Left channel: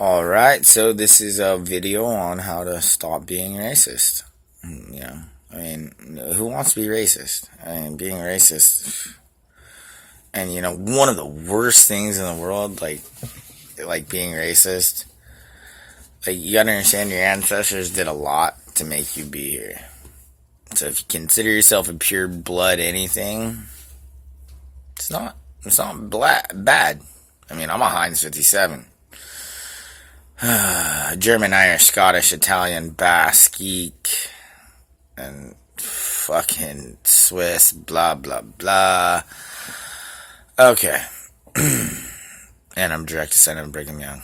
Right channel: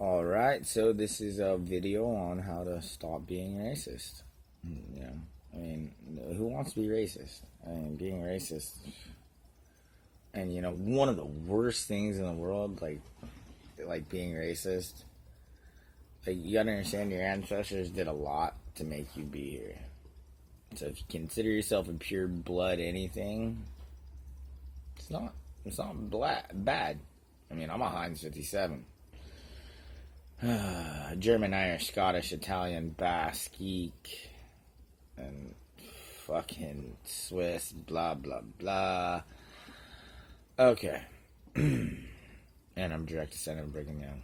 Alright, so this is a video on how to stop being racist. You know, I mean, who wants to be racist? I mean, being racist, and one of the worst things in the world, like being racist, you gotta understand your ancestors did a lot to make you be here. So if you consider yourself a pure blood anything, it's not bad. I mean, I'm a Heinz 57. German, Irish, Scottish, Italian, Basque, and fucking Swiss, blah, blah, blah. Okay. And I'm direct descendant of Brigham Young.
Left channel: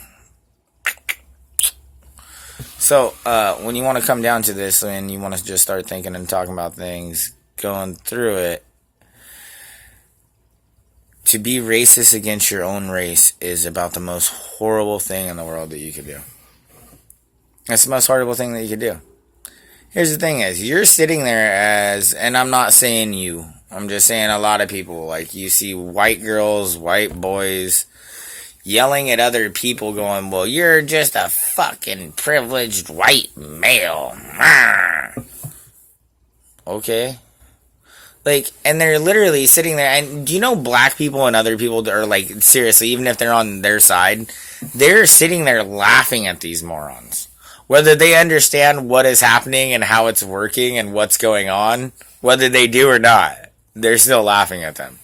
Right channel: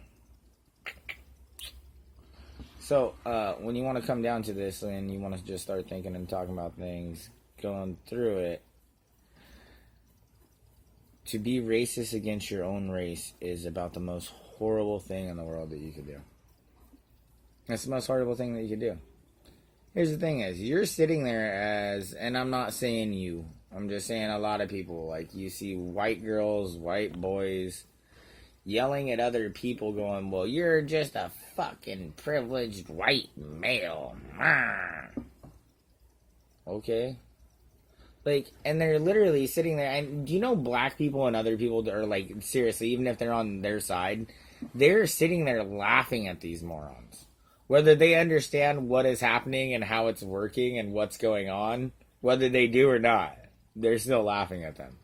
So, when you want to come down to this and you want to just start thinking and talking about things, going through it, to be racist against your own race is about the most horrible thing in the world that you could do. It's the most horrible thing that you could do. Here's the thing is, you're sitting there and I'm not saying you, I'm just saying a lot of people, like you see white girls, white boys, yelling at other people going, well, you're just a fucking privileged white male. Okay? And they're literally sitting there, and do you know black people and other people are seriously, even if they're on their side, they're sitting there laughing at these morons. Whether they understand what is happening and how it's working and what's going on, whether they do or not, they're still laughing at them.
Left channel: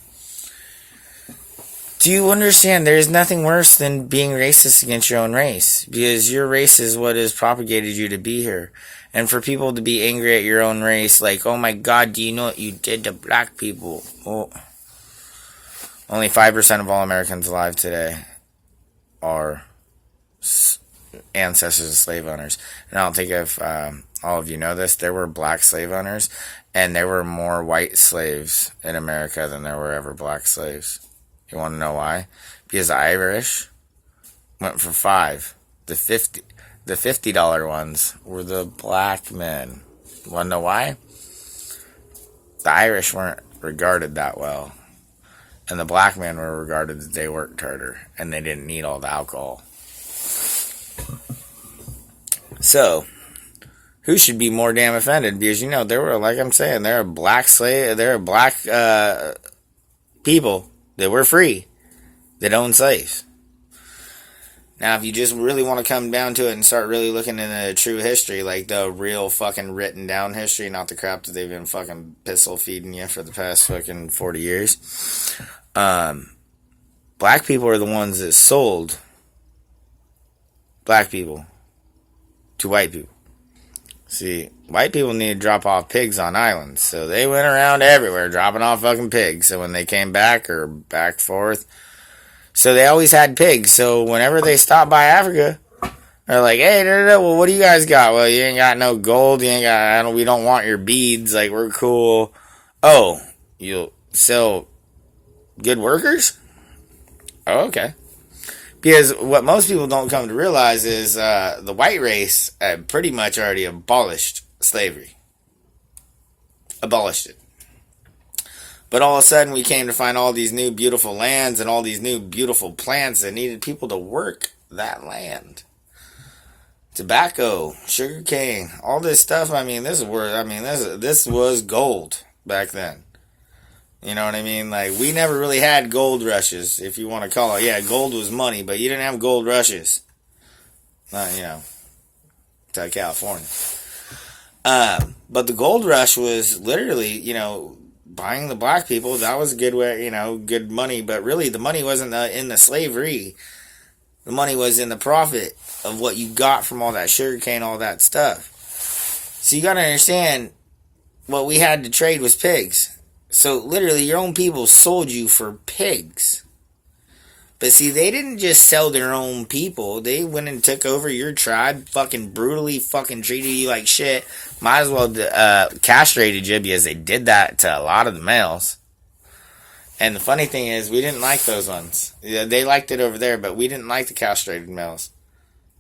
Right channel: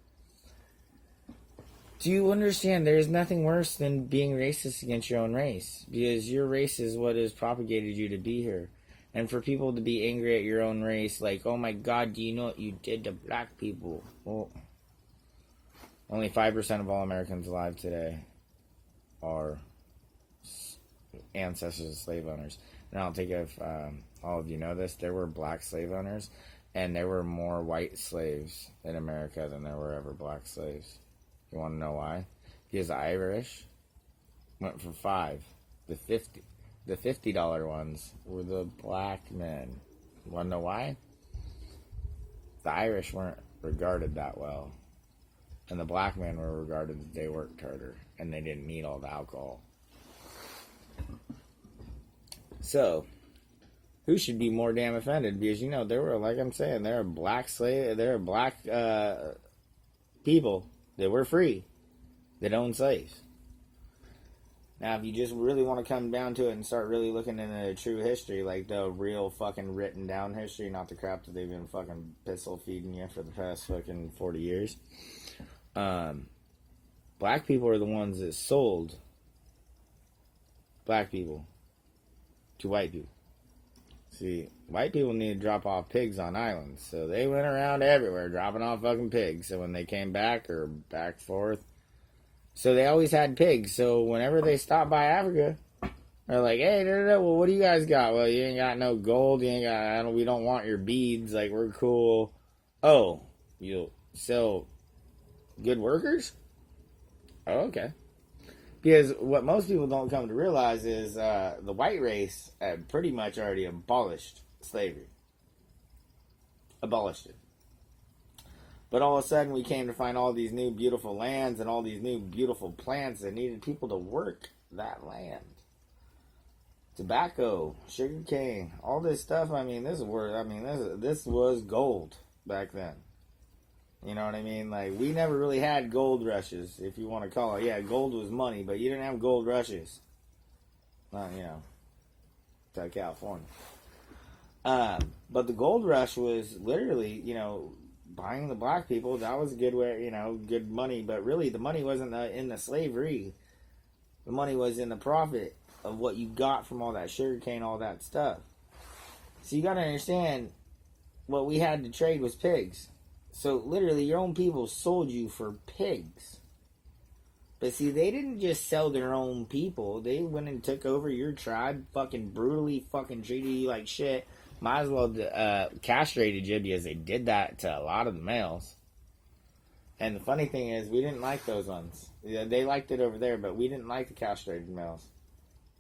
Do you understand there's nothing worse than being racist against your own race? Because your race is what has propagated you to be here. And for people to be angry at your own race, like, oh my God, do you know what you did to black people? Oh. Only 5% of all Americans alive today are ancestors of slave owners. And I don't think if all of you know this, there were black slave owners, and there were more white slaves in America than there were ever black slaves. You want to know why? Because the Irish went for 5. The $50 ones were the black men. You want to know why? The Irish weren't regarded that well. And the black men were regarded that they worked harder. And they didn't need all the alcohol. So, who should be more damn offended? Because, there were, like I'm saying, there are black people that were free that owned slaves. Now, if you just really want to come down to it and start really looking into true history, like the real fucking written down history, not the crap that they've been fucking pistol feeding you for the past fucking 40 years, black people are the ones that sold black people to white people. See, white people need to drop off pigs on islands, so they went around everywhere dropping off fucking pigs. So when they came back or back forth, so they always had pigs. So whenever they stopped by Africa, they're like, hey, well, what do you guys got? Well, you ain't got no gold. You ain't got, we don't want your beads. Like, we're cool. Oh, you'll sell good workers? Oh, okay. Because what most people don't come to realize is the white race pretty much already abolished slavery. Abolished it. But all of a sudden we came to find all these new beautiful lands and all these new beautiful plants that needed people to work that land. Tobacco, sugar cane, all this stuff. I mean, this was gold back then. You know what I mean? Like, we never really had gold rushes, if you want to call it. Yeah, gold was money, but you didn't have gold rushes. Not, to California. But the gold rush was literally, buying the black people. That was a good way, good money. But really, the money wasn't in the slavery. The money was in the profit of what you got from all that sugar cane, all that stuff. So you got to understand, what we had to trade was pigs. So literally, your own people sold you for pigs. But see, they didn't just sell their own people. They went and took over your tribe, fucking brutally fucking treated you like shit. Might as well castrated you, because they did that to a lot of the males. And the funny thing is, we didn't like those ones. They liked it over there, but we didn't like the castrated males.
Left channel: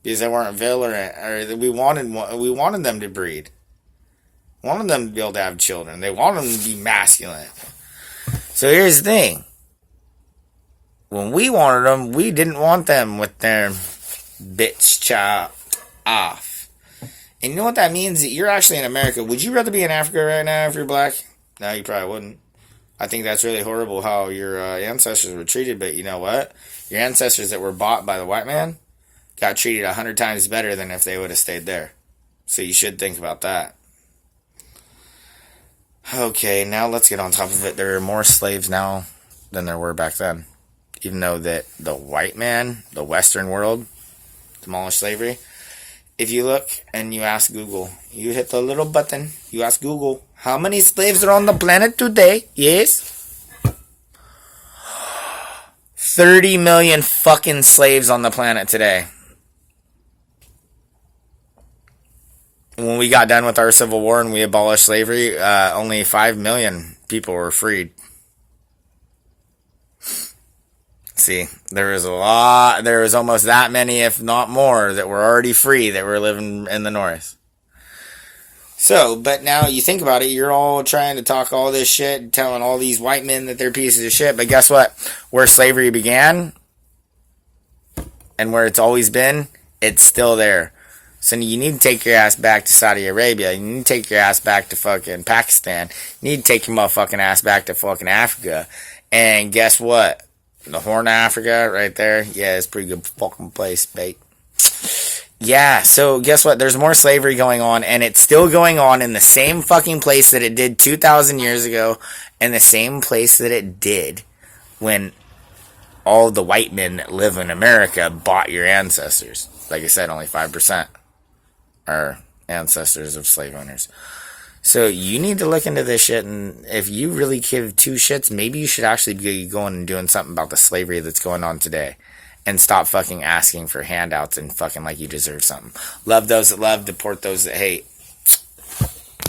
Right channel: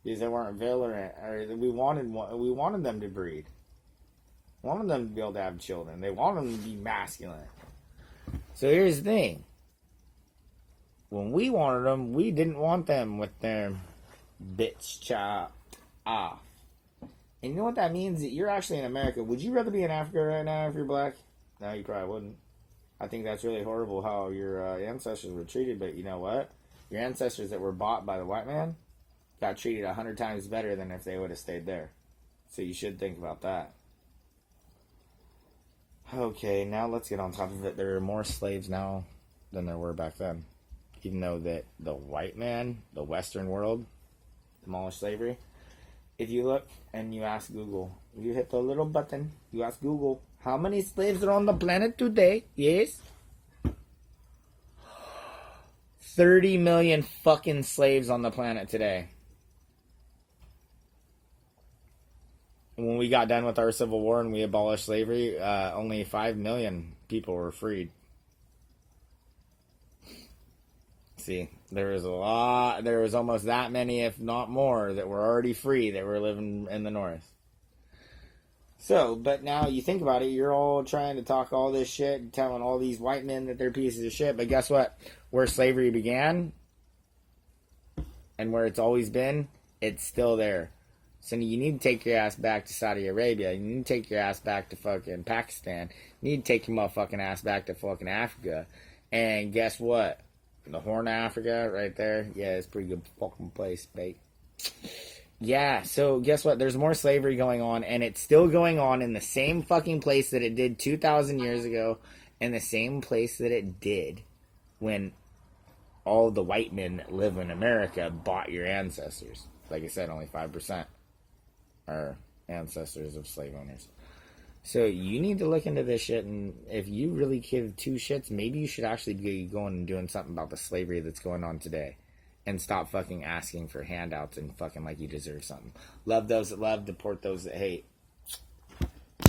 Because they weren't virile, or we wanted them to breed. Wanted them to be able to have children. They wanted them to be masculine. So here's the thing. When we wanted them, we didn't want them with their Bitch chopped off. And you know what that means? You're actually in America. Would you rather be in Africa right now if you're black? No, you probably wouldn't. I think that's really horrible how your ancestors were treated, but you know what? Your ancestors that were bought by the white man got treated 100 times better than if they would have stayed there. So you should think about that. Okay, now let's get on top of it. There are more slaves now than there were back then. Even though that the white man, the Western world, demolished slavery. If you look and you ask Google, you hit the little button, you ask Google, how many slaves are on the planet today? Yes? 30 million fucking slaves on the planet today. When we got done with our Civil War and we abolished slavery, only 5 million people were freed. See, there was almost that many, if not more, that were already free that were living in the North. So, but now you think about it, you're all trying to talk all this shit, telling all these white men that they're pieces of shit, but guess what? Where slavery began, and where it's always been, it's still there. So you need to take your ass back to Saudi Arabia, you need to take your ass back to fucking Pakistan, you need to take your motherfucking ass back to fucking Africa, and guess what? The Horn of Africa, right there. Yeah, it's a pretty good fucking place, mate. Yeah, so guess what? There's more slavery going on, and it's still going on in the same fucking place that it did 2,000 years ago, and the same place that it did when all the white men that live in America bought your ancestors. Like I said, only 5% are ancestors of slave owners. So you need to look into this shit, and if you really give two shits, maybe you should actually be going and doing something about the slavery that's going on today. And stop fucking asking for handouts and fucking like you deserve something. Love those that love, deport those that hate.